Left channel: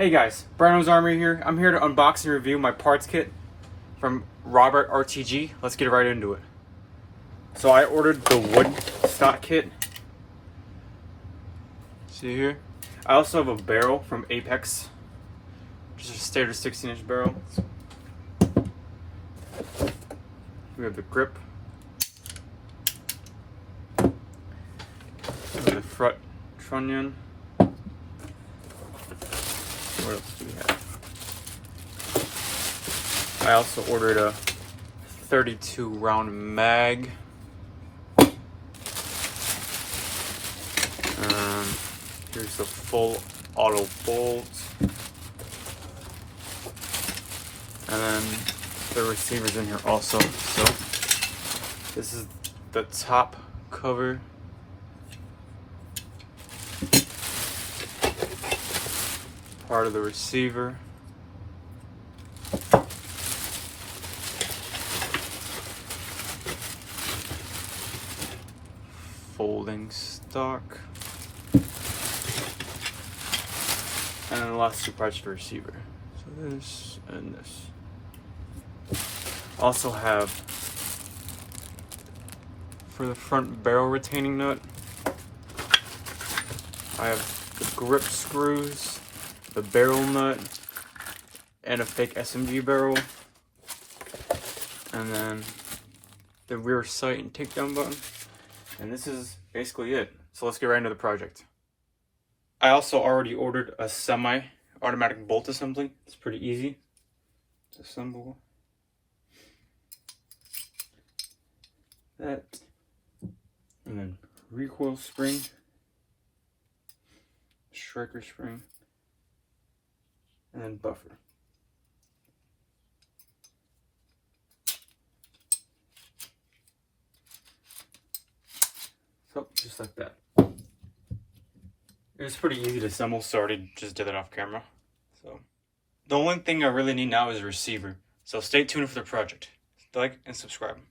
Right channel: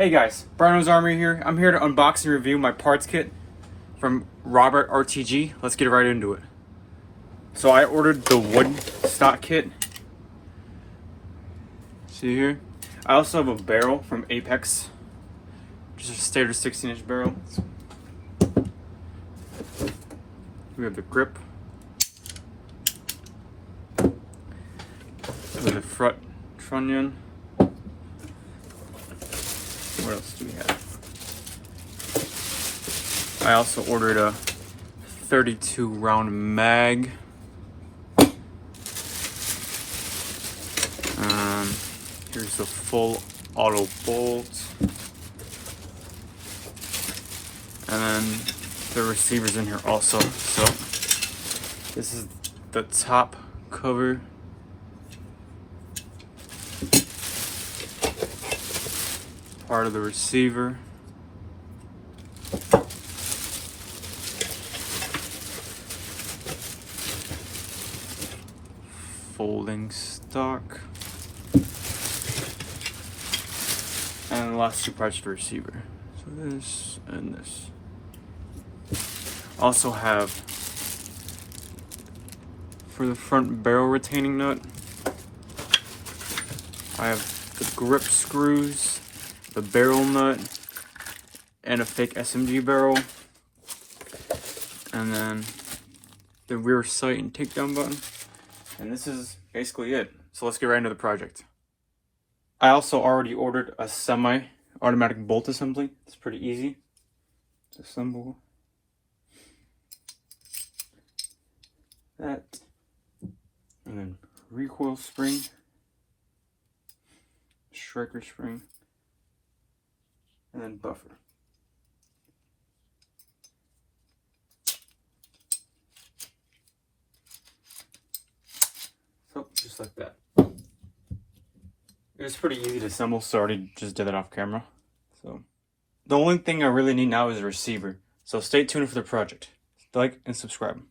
Hey guys, Brano's Army here. I'm here to unbox and review my parts kit from Robert RTG. Let's get right into it. So I ordered the wood stock kit. See here? I also have a barrel from Apex. Just a standard 16-inch barrel. We have the grip. The front trunnion. What else do we have? I also ordered a 32 round mag. Here's a full auto bolt. And then the receivers in here also. So this is the top cover. Part of the receiver. Folding stock. And the last two parts of the receiver. So this and this. Also have, for the front barrel retaining nut, I have the grip screws, the barrel nut, and a fake SMG barrel, and then the rear sight and takedown button. And this is basically it. So let's get right into the project. I also already ordered a semi-automatic bolt assembly. It's pretty easy to assemble. That, and then recoil spring, striker spring, and then buffer. So, just like that. It was pretty easy to assemble, so I already just did it off camera. So, the only thing I really need now is a receiver. So stay tuned for the project. Like and subscribe.